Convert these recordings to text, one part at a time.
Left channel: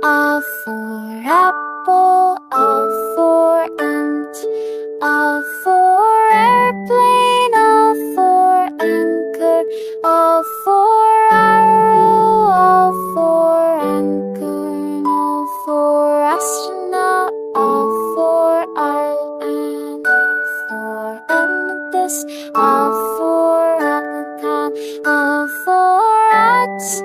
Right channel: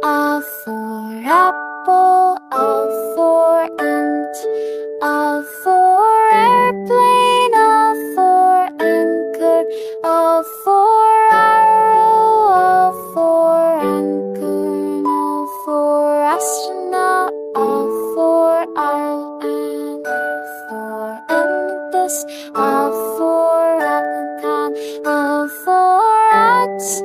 A for apple, A for ant, A for airplane, A for anchor, A for arrow, A for acorn, A for astronaut, A for island, A for amethyst, A for apricot, A for ox,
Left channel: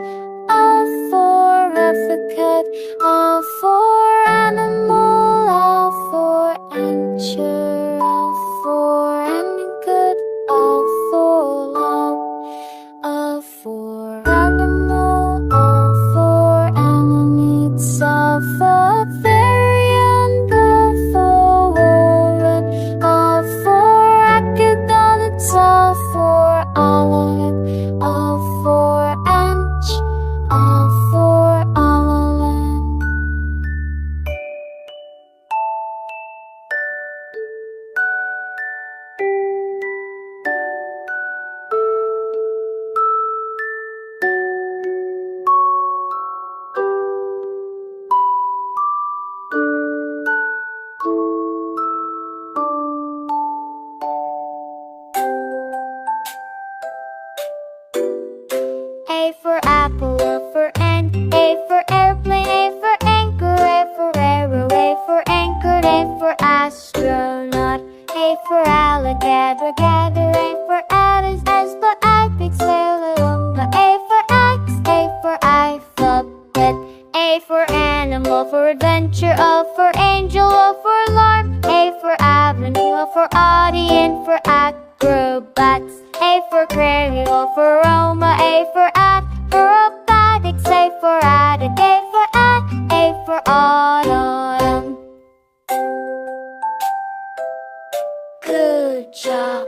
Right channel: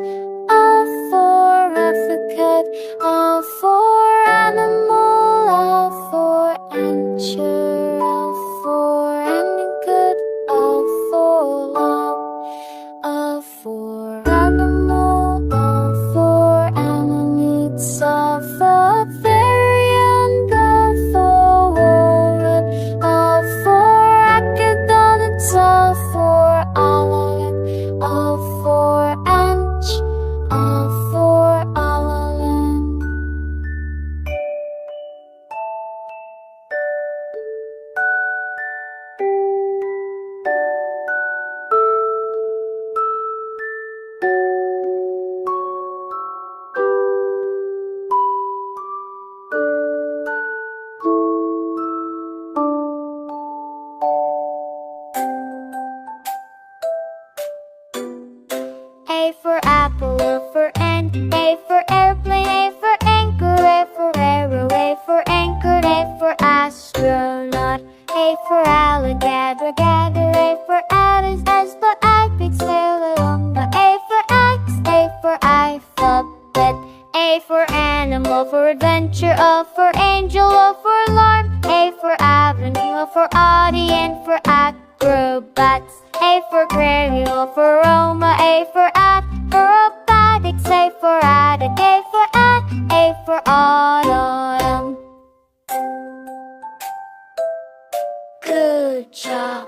A for Apricot, A for animal, A for anchor, A for good, A for love, A for animal, A for anemones, A for fairy and A for wallet, A for acrobatics, A for alligator, A for ant, A for island. A for apple, A for ant, A for airplane, A for anchor, A for arrow, A for anchor, A for astronaut, A for alligator, A for AFORAPPLE, for epic sailor, A for axe, A for alphabet, A for animal, for adventure, A for angel, A for alarm, A for avenue, A for audience, for acrobats, A for aquarium, A for Aroma, A for Acrobatics, A for attic, A for autumn. Good job.